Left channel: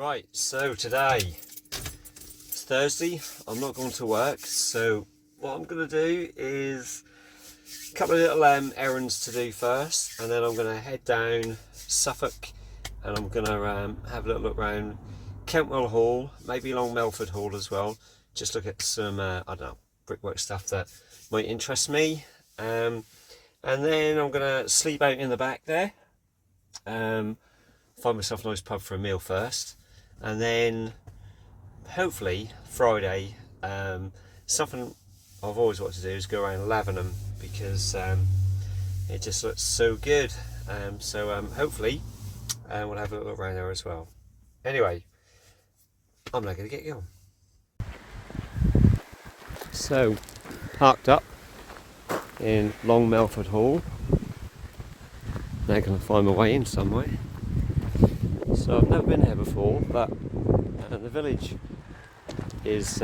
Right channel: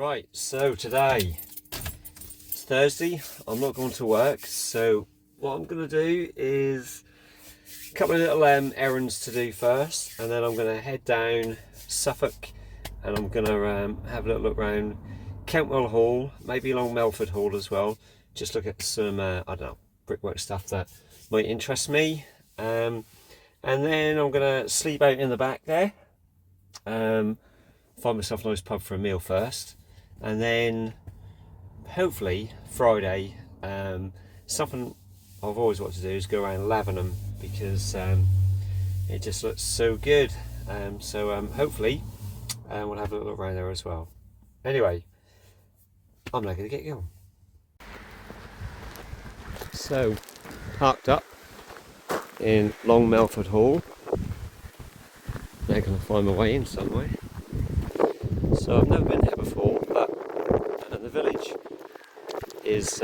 Right, so today it's Thursday. I'm not going to work, so what I'm going to do is a couple of little errands to do first, and then I'm going to head down Suffolk and I'm going to have a little look around Kentwell Hall, maybe along Melford Hall as well. Just look at some I don't know, brickwork stuff that might interest me, and then I'm going to sleep out in the back there, find myself a nice pub for a meal first, and then hopefully Friday, something I've always wanted to do is go around Lavenham, because it just looks so good. So hopefully we'll have a little look around there as well. Anyway, I'm now going to get going. So, parked up in Long Melford Hall. Now going to find my way in some way. So I've never been here before, but the village is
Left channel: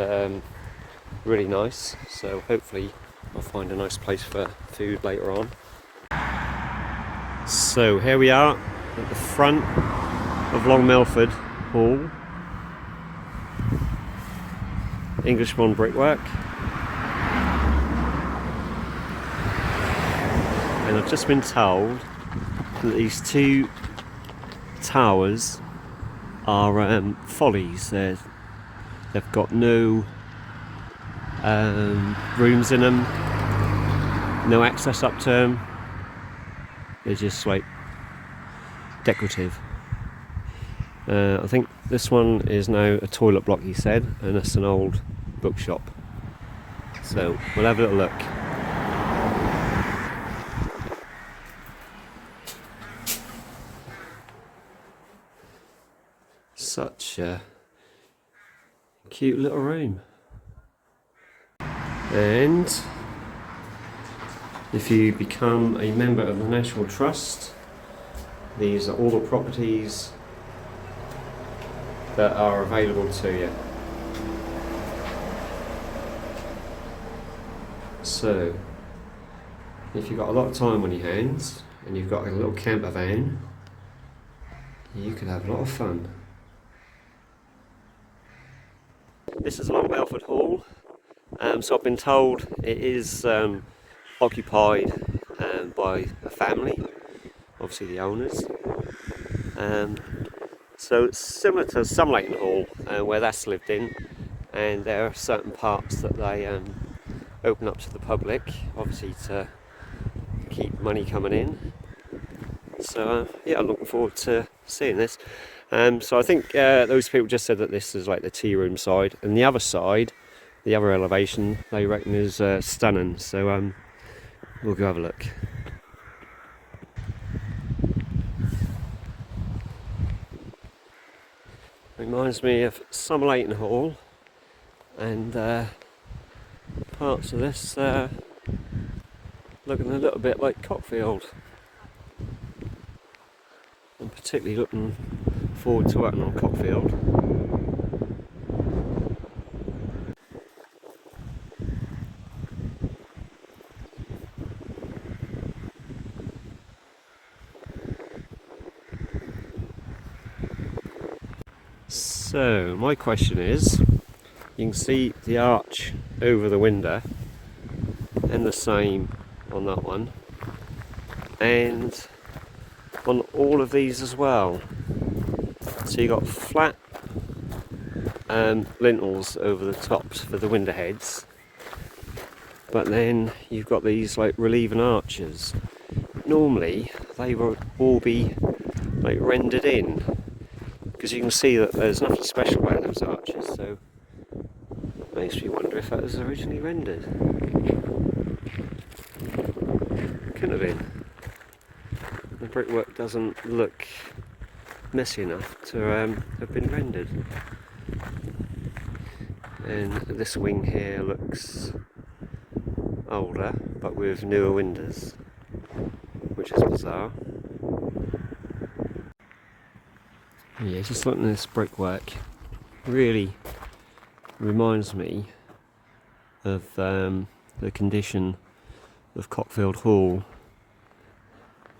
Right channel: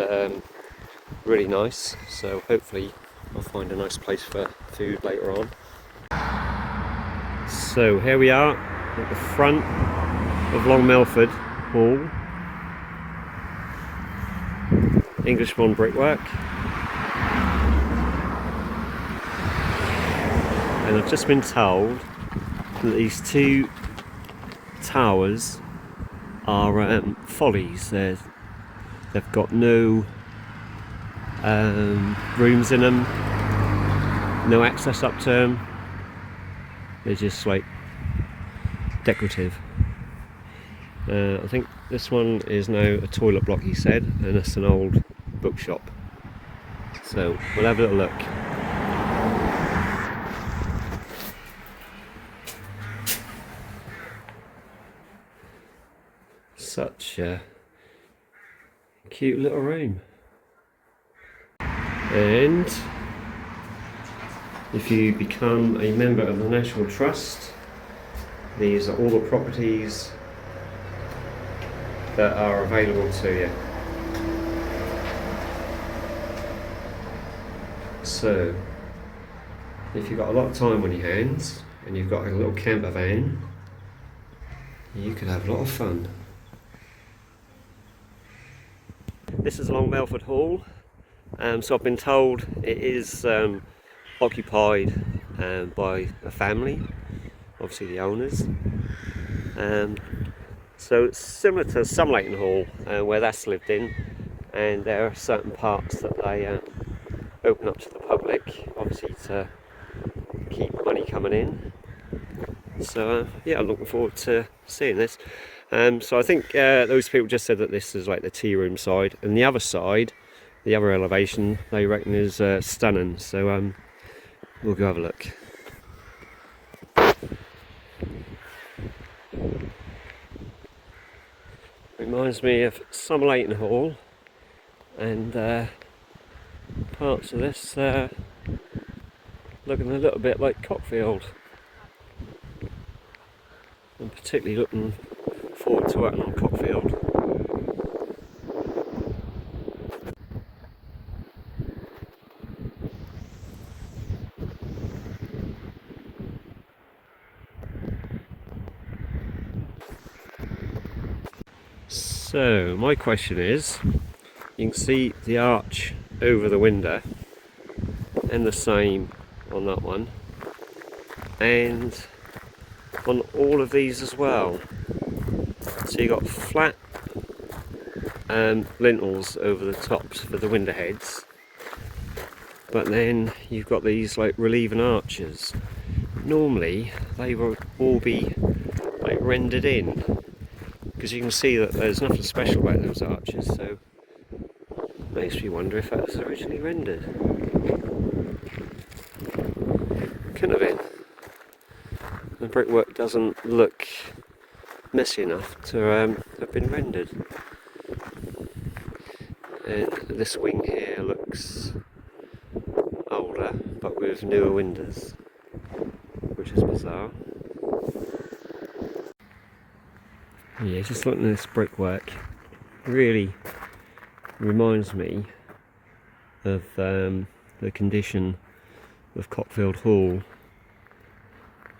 really nice, so hopefully I'll find a nice place for food later on. So here we are at the front of Long Melford Hall. Englishman brickwork. And I've just been told that these two towers are follies. They've got no rooms in them, no access up to them. They're just like decorative. I think this one is now a toilet block, he said, and that's an old bookshop. So we'll have a little look. Such a cute little room. And if you become a member of the National Trust, these are all the properties that are available to you. So if you've got a lot of time on your hands and you've got a little camper van, you can have a lot of fun. This is Long Melford Hall. So I've been told it is occupied by a family, obviously the owners. So it's similar to Summerlayton Hall, where that's lived in, and there are certain parts that they open up to the public, obviously to keep money coming in. So yeah, I'm looking forward to seeing this. So I think those people just said that this is like the tea room side, and the other side, the other elevation, they reckon is stunning. So we'll go have a look. Reminds me of Summerlayton Hall, and parts of this looking a little bit like Cockfield. I'm particularly looking forward to working on Cockfield. So my question is, you can see the arch over the window, and the same on that one, and on all of these as well. So you got flat lintels over the tops for the window heads, but then you've got these like relieving arches. Normally they would all be like rendered in, because you can see that there's nothing special about those arches, so it makes me wonder if that was originally rendered. Couldn't have been. The brickwork doesn't look messy enough to have been rendered. And this wing here looks older, but with newer windows, which is bizarre. Yeah, just looking at this brickwork, really reminds me of the condition of Cockfield Hall,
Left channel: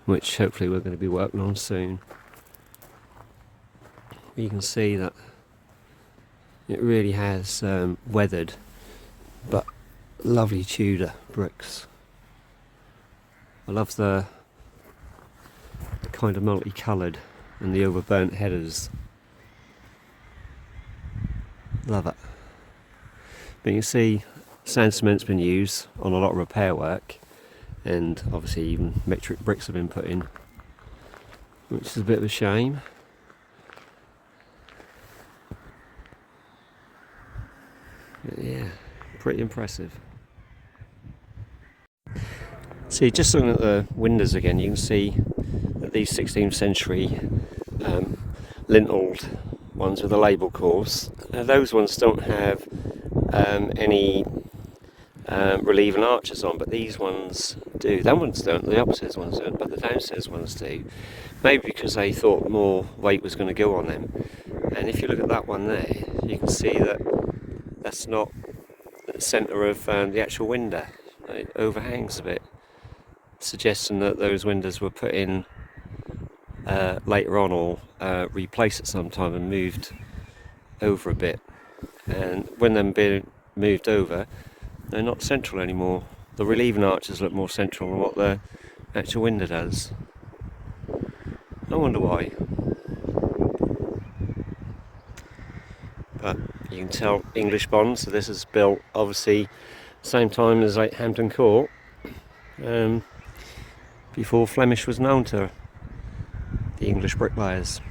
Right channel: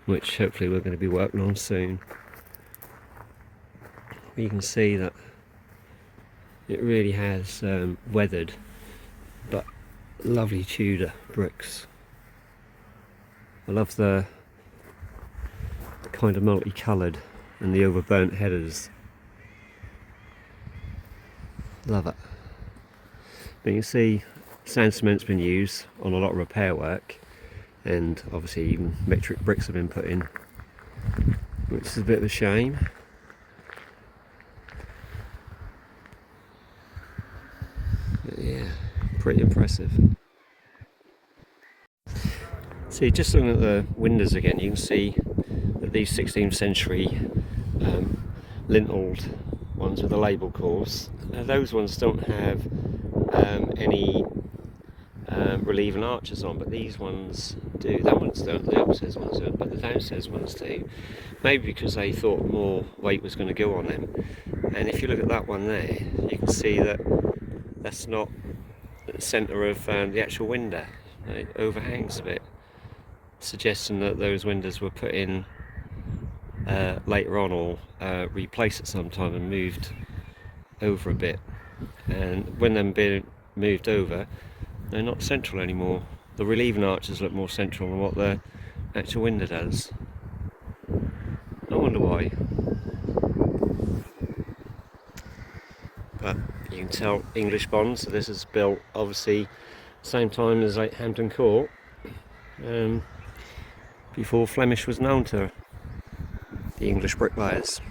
which hopefully we're going to be working on soon. You can see that it really has weathered, but lovely Tudor bricks. I love the kind of multicoloured and the overburnt headers. Love it. But you can see sand cement's been used on a lot of repair work, and obviously even metric bricks have been put in, which is a bit of a shame. But yeah, pretty impressive. See, just looking at the windows again, you can see that these 16th century lintled ones with the label course, those ones don't have any relieving arches on, but these ones do. That ones don't, the upstairs ones don't, but the downstairs ones do. Maybe because they thought more weight was going to go on them. And if you look at that one there, you can see that that's not at the centre of the actual window. It overhangs a bit, suggesting that those windows were put in later on, or replaced at some time and moved over a bit. And when they're being moved over, they're not central anymore. The relieving arches look more central than what the actual window does. I wonder why. But you can tell English bond, so this is built obviously same time as like Hampton Court, before Flemish was known to the English bricklayers.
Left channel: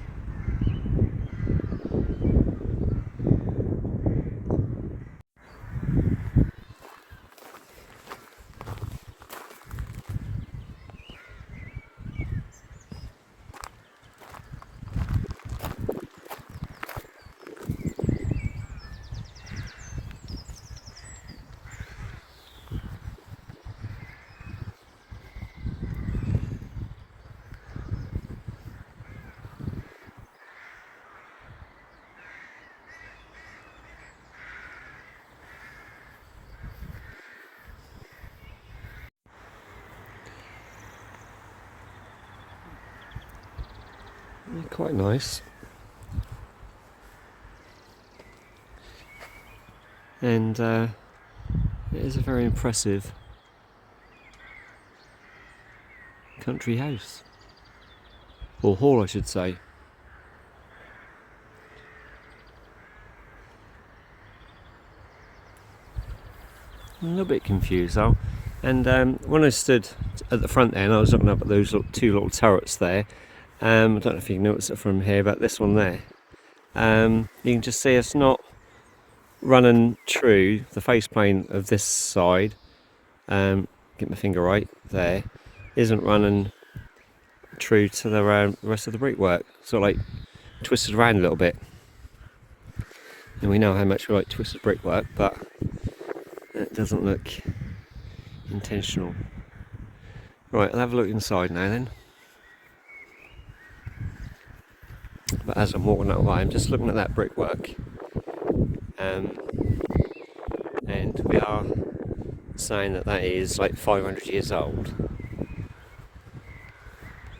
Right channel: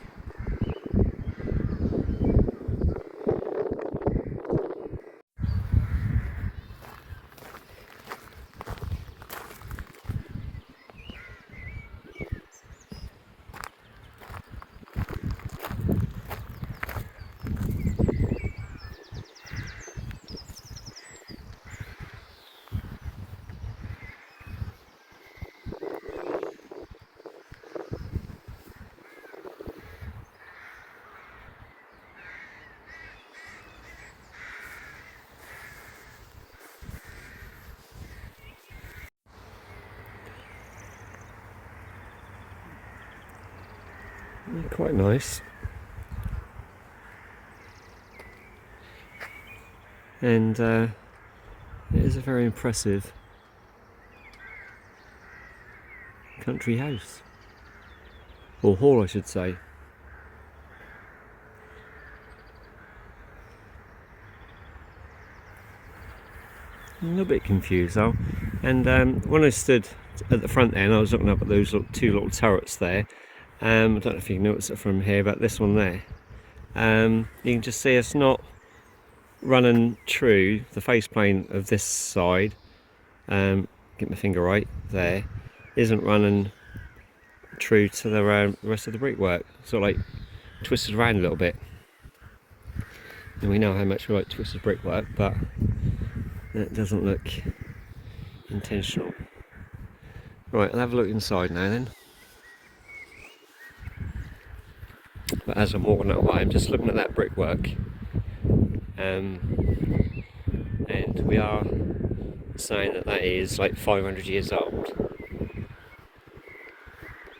Yeah, quite nice. And it is a very impressive country house, or hall I should say. I'm a little bit confused though, and when I stood at the front there and I was looking up at those two little turrets there, I don't know if you can notice it from here, but this one there, you can just see it's not running true. The face plane of this side, get my finger right there, isn't running true to the rest of the brickwork. Sort of like twisted around a little bit. And we know how much we like twisted brickwork, but it doesn't look intentional. Right, I'll have a look inside now then. But as I'm walking that way, I'm just looking at that brickwork, and we are saying that that is like 500 years old.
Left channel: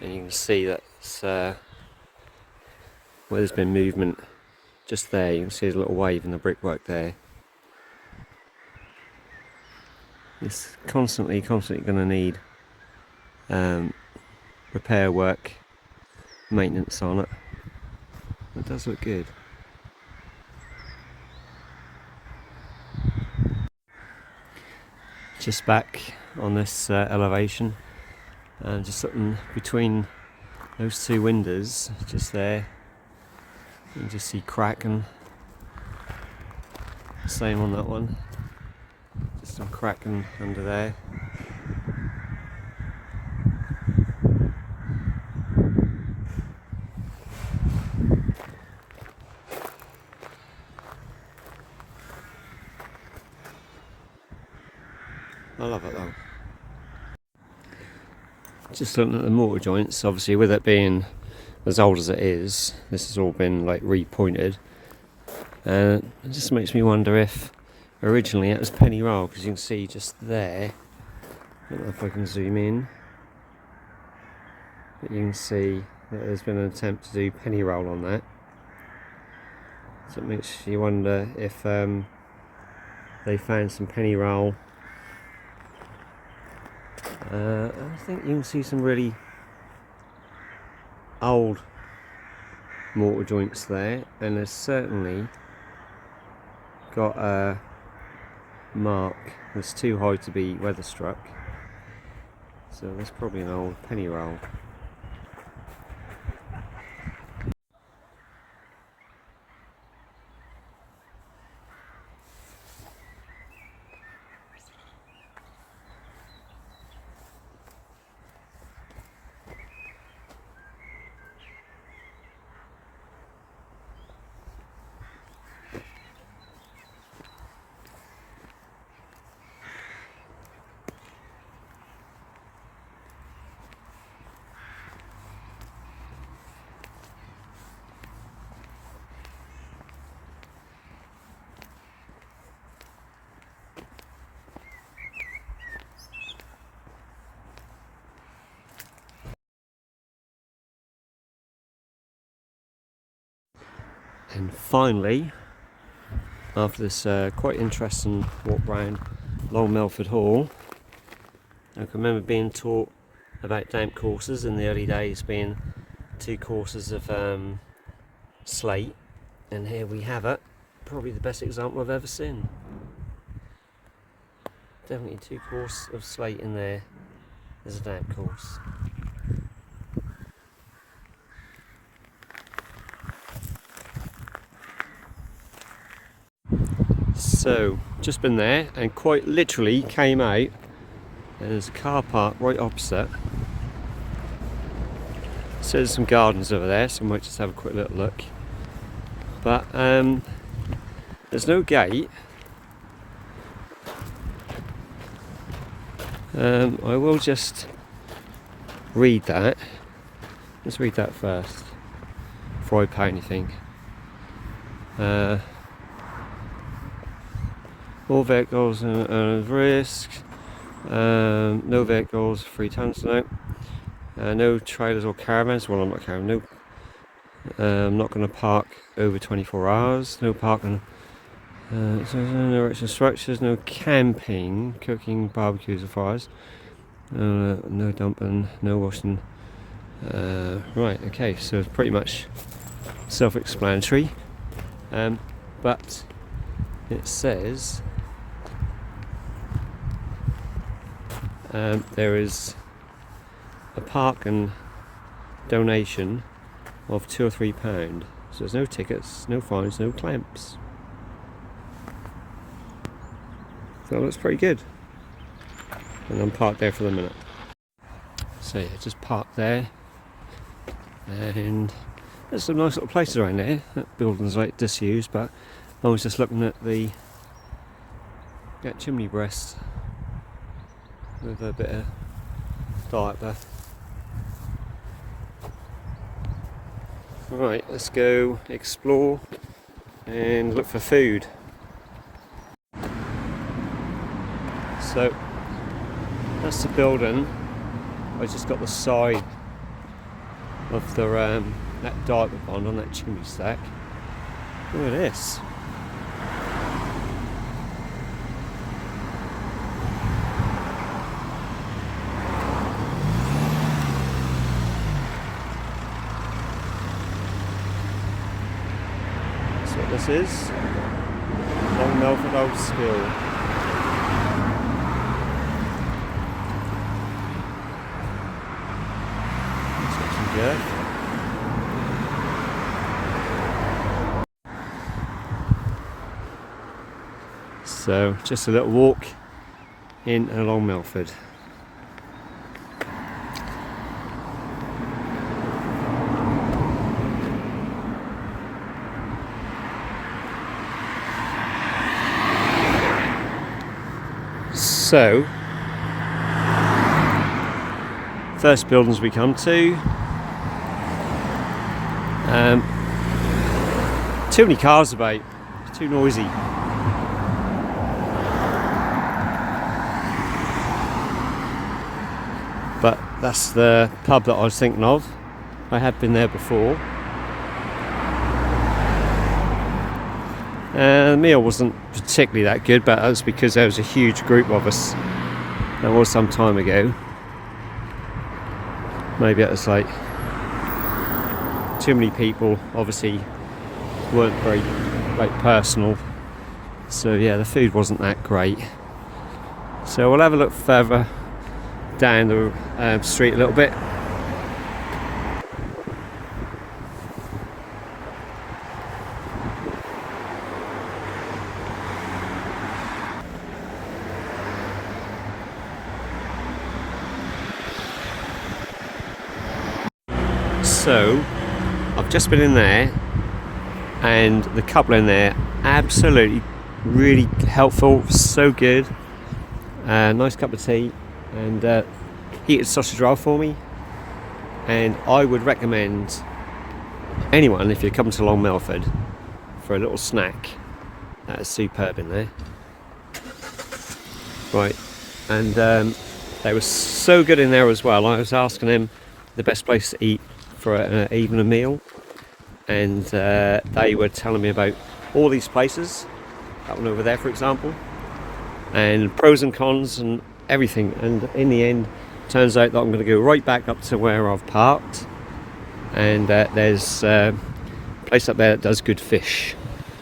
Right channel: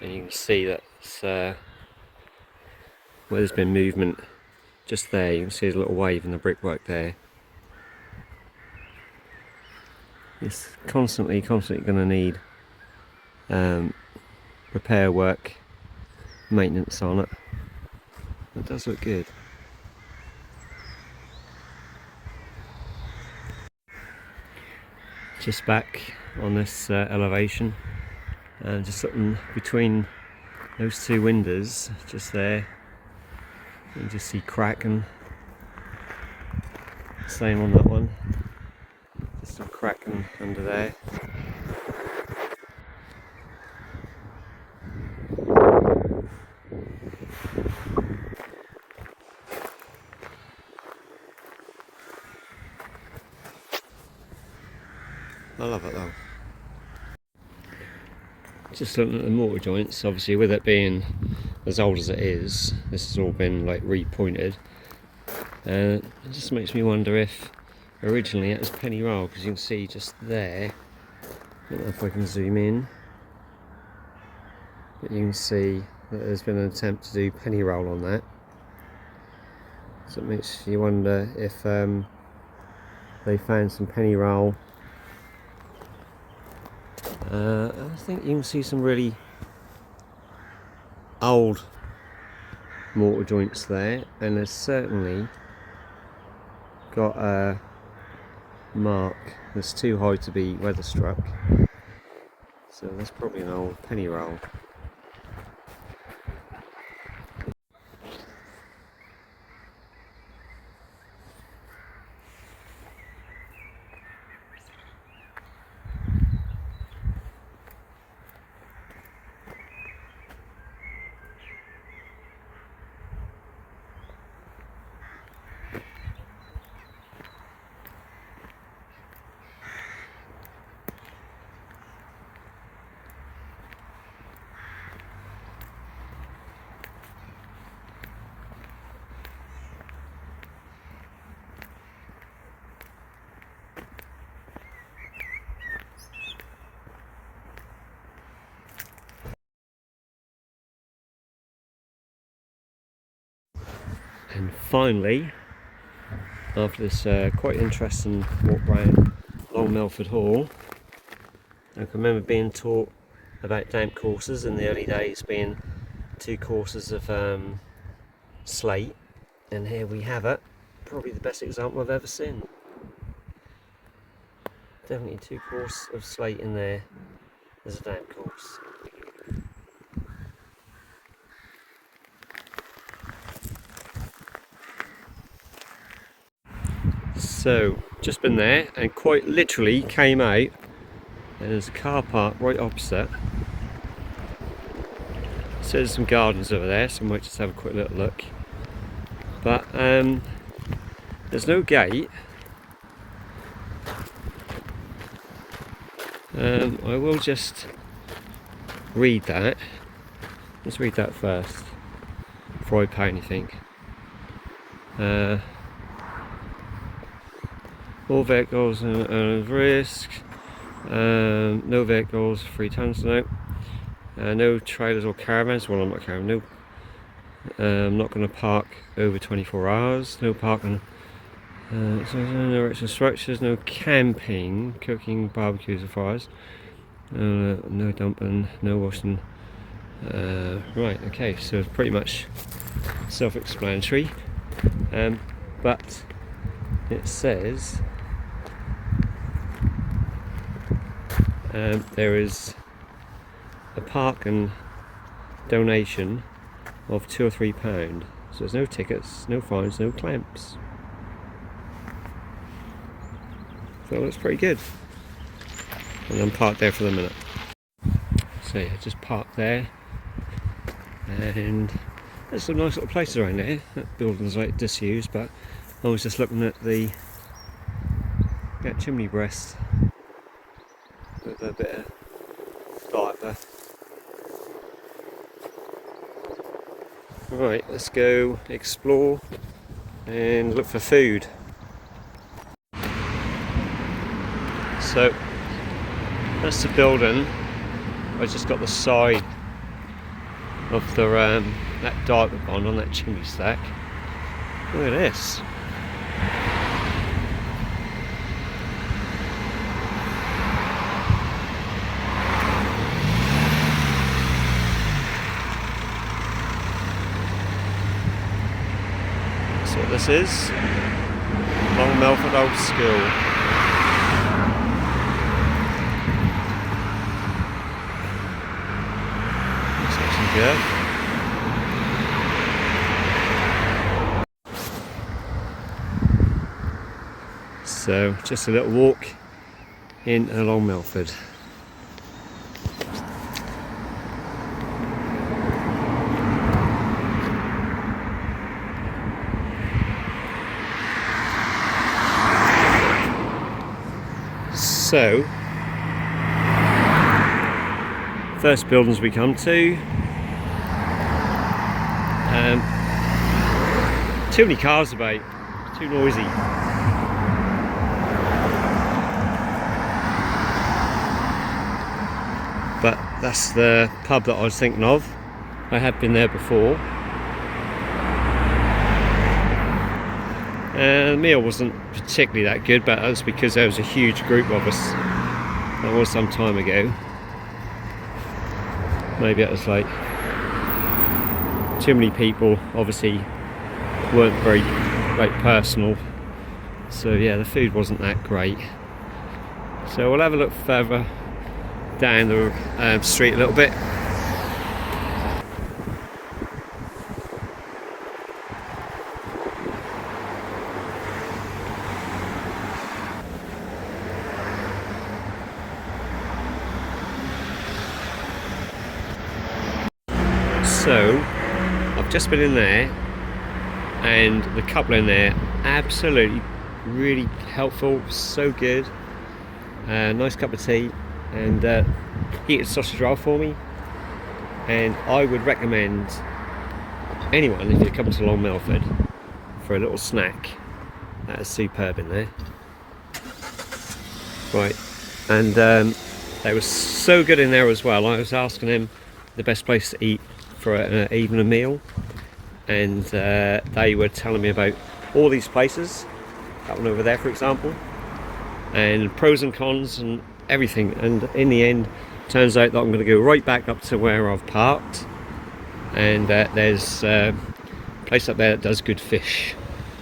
And you can see that where there's been movement just there. You can see there's a little wave in the brickwork there. It's constantly going to need repair work, maintenance on it. It does look good. Just back on this elevation, and just looking between those two windows just there, you can just see cracking. Same on that one, just some cracking under there. I love it though. Just looking at the mortar joints, obviously with it being as old as it is, this has all been like repointed. It just makes me wonder if originally it was penny roll, because you can see just there, I don't know if I can zoom in, but you can see that there's been an attempt to do penny roll on that. So it makes you wonder if they found some penny roll. I think you can see some really old mortar joints there, and there's certainly got a mark that's too high to be weather struck, so that's probably an old penny roll. And finally, after this quite interesting walk round Long Melford Hall, I can remember being taught about damp courses in the early days being 2 courses of slate, and here we have it, probably the best example I've ever seen. Definitely 2 courses of slate in there as a damp course. So, just been there and quite literally came out, and there's a car park right opposite. So there's some gardens over there, so I might just have a quick little look. But there's no gate. I will just read that. Let's read that first before I pay anything. All vehicles and risks. No vehicles, 3 tons tonight. No trailers or caravans. Well, I'm not caravan. No. I'm not going to park over 24 hours. No parking. No extra structures. No camping, cooking, barbecues or fires. No dumping. No washing. Right. Okay. So it's pretty much self-explanatory. But it says there is a park and donation of £2 or £3. So there's no tickets, no fines, no clamps. So it looks pretty good. And I'm parked there for the minute. So yeah, just parked there. And there's some nice little places around there. That building's like disused, but I was just looking at that chimney breast with a bit of diet there. Right, let's go explore and look for food. So that's the building. I just got the side of the that diaper bond on that chimney stack. Look at this. That's what this is. Long Melford Old School. Looks like some good. So just a little walk in along Melford. So first buildings we come to, too many cars about, too noisy. But that's the pub that I was thinking of. I had been there before. The meal wasn't particularly that good, but that was because there was a huge group of us. That was some time ago. Maybe it was like too many people, obviously weren't very personal. So yeah, the food wasn't that great. So we'll have a look further down the street a little bit. So I've just been in there, and the couple in there absolutely really helpful, so good. Nice cup of tea, and heated sausage roll for me. And I would recommend anyone, if you're coming to Long Melford for a little snack, that is superb in there. Right, and they were so good in there as well. I was asking them the best place to eat for even a meal, and they were telling me about all these places, that one over there for example, and pros and cons and everything. And in the end, turns out that I'm going to go right back up to where I've parked, and there's a place up there that does good fish,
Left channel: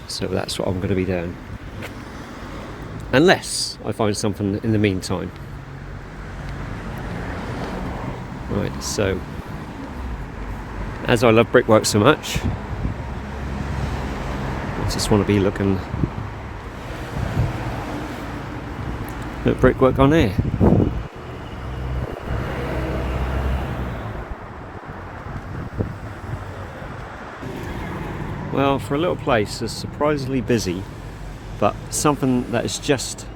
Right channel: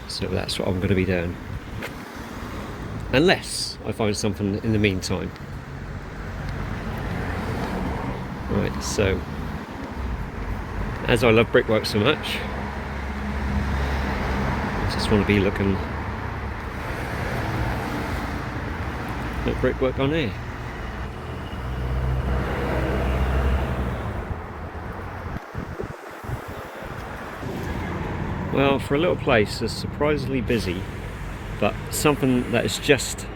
so that's what I'm going to be doing, unless I find something in the meantime. Right, so as I love brickwork so much, I just want to be looking at brickwork on here. Well, for a little place it's surprisingly busy, but something that has just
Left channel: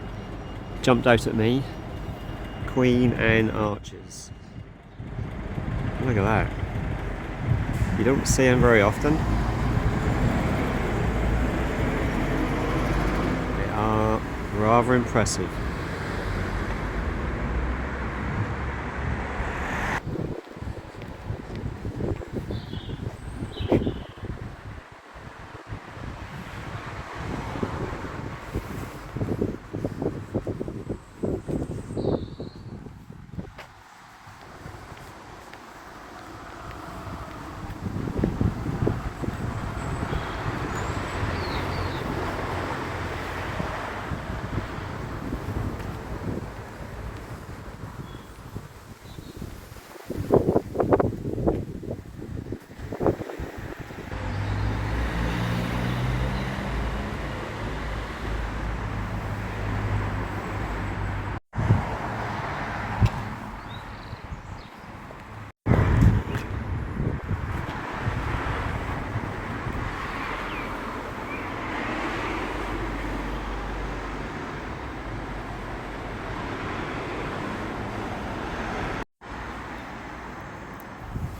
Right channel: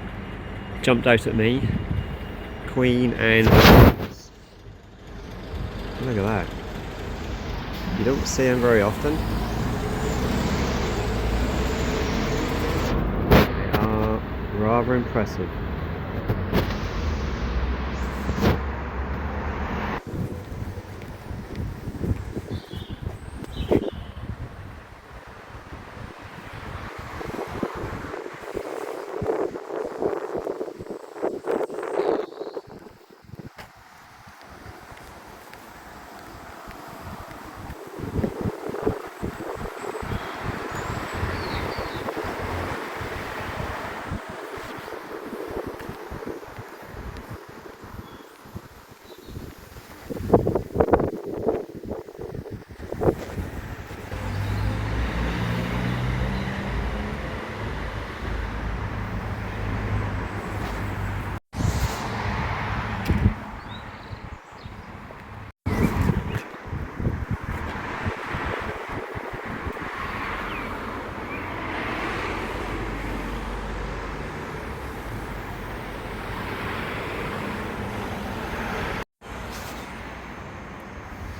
jumped out at me: Queen Anne. Look at that. You don't see them very often. They are rather impressive.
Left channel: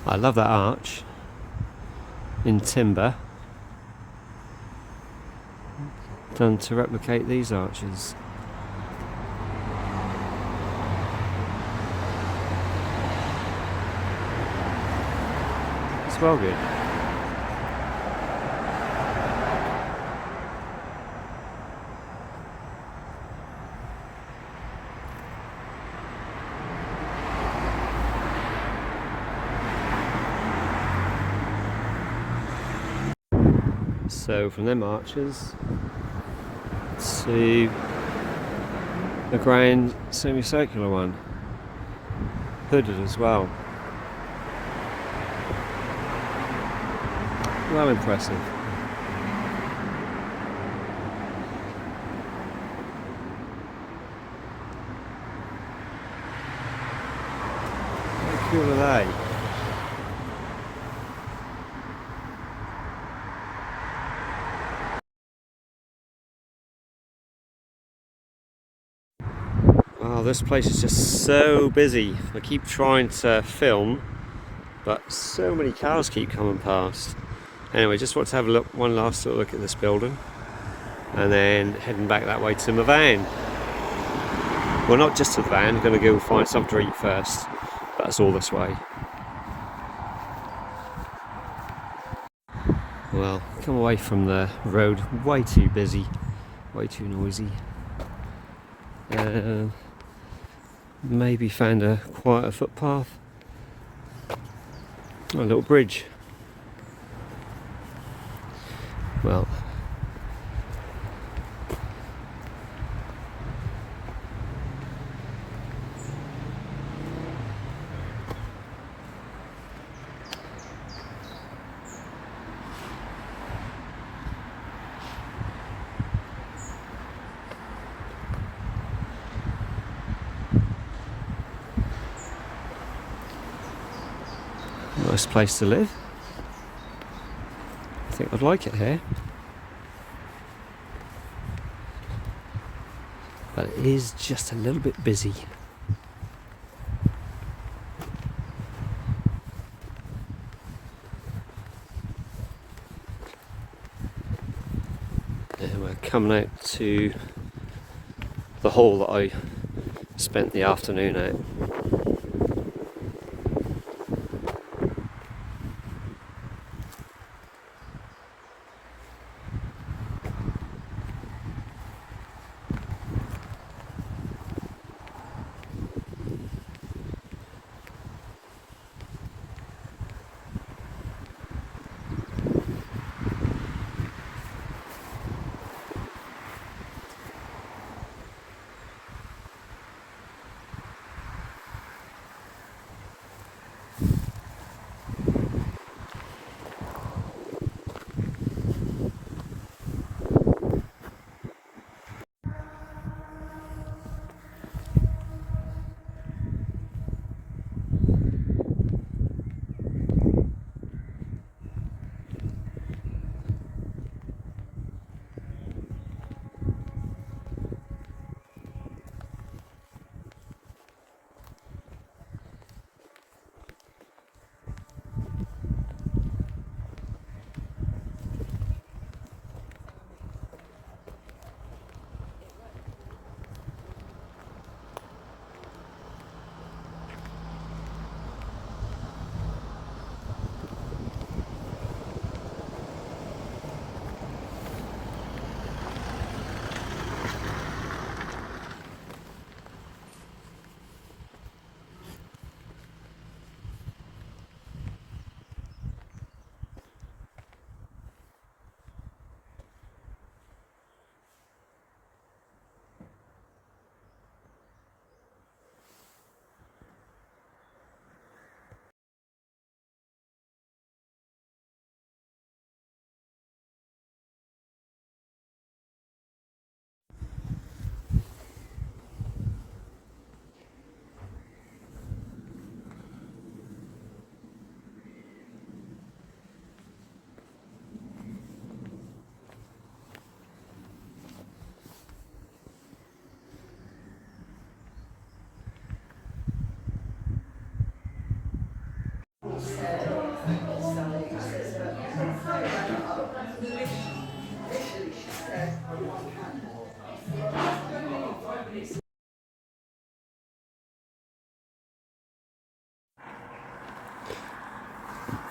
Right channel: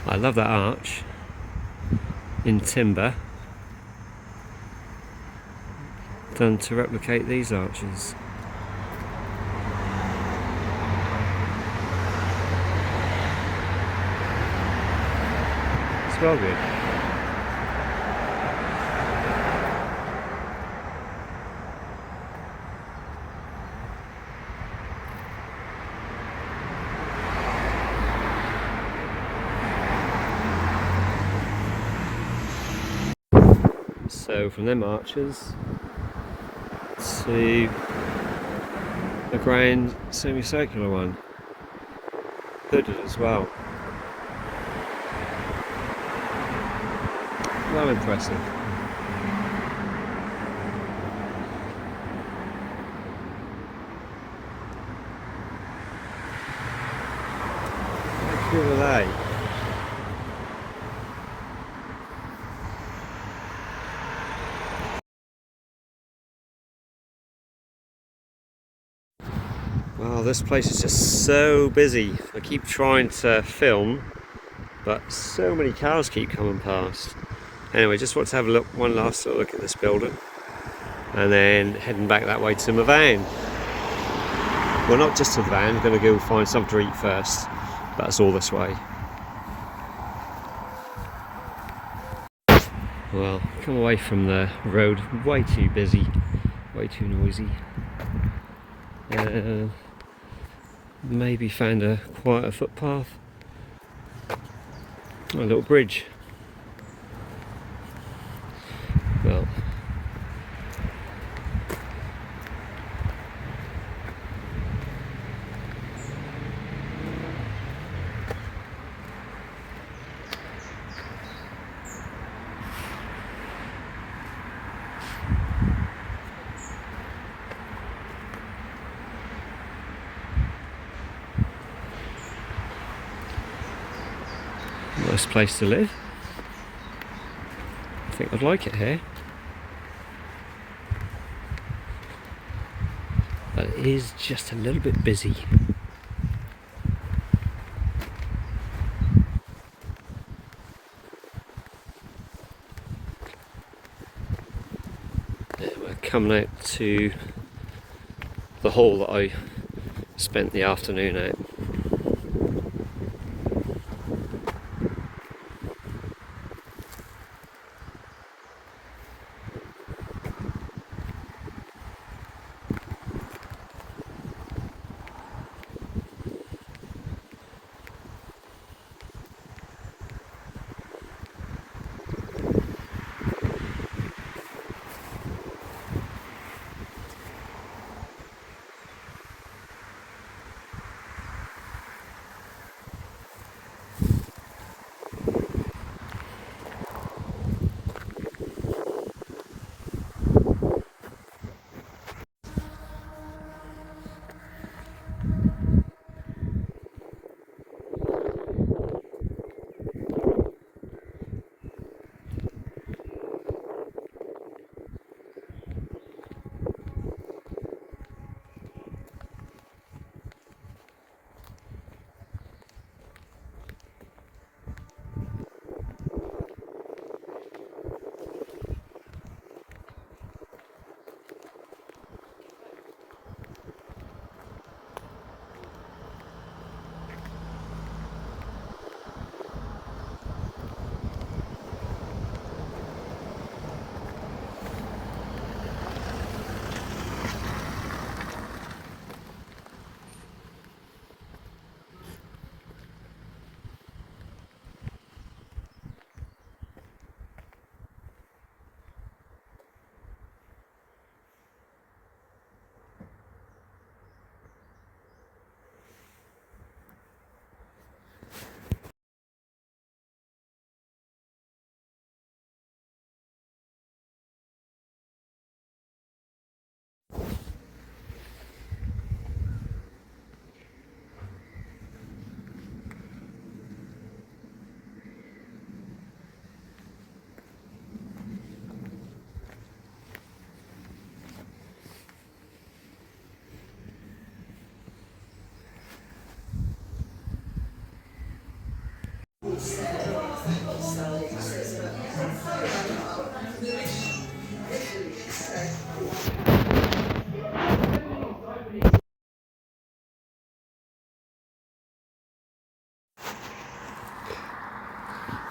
I love that arch in timber, done to replicate these arches. It's well good. So from them arches to a grand semicircular one, hooded as well. Well impressive. How cool are they? Wow, this place is just so busy. I keep trying to film, but so many cars keep coming past. Anyway, just want to have a look, one last little look at this building, and then heading back that way to my van. Well, not just to the van, I'm going to go find something to eat first, but that's all this way. Well, come away from the road, way too busy, way too noisy. Maybe found a quieter footpath, a little bridge. Well, nice place to live. I think I'd like it here. But it is just a little bit busy. And we're coming out to the hall that I spent the afternoon at.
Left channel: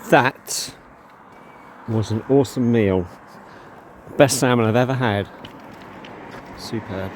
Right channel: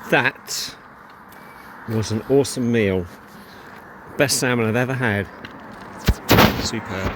That was an awesome meal. Best salmon I've ever had. Superb.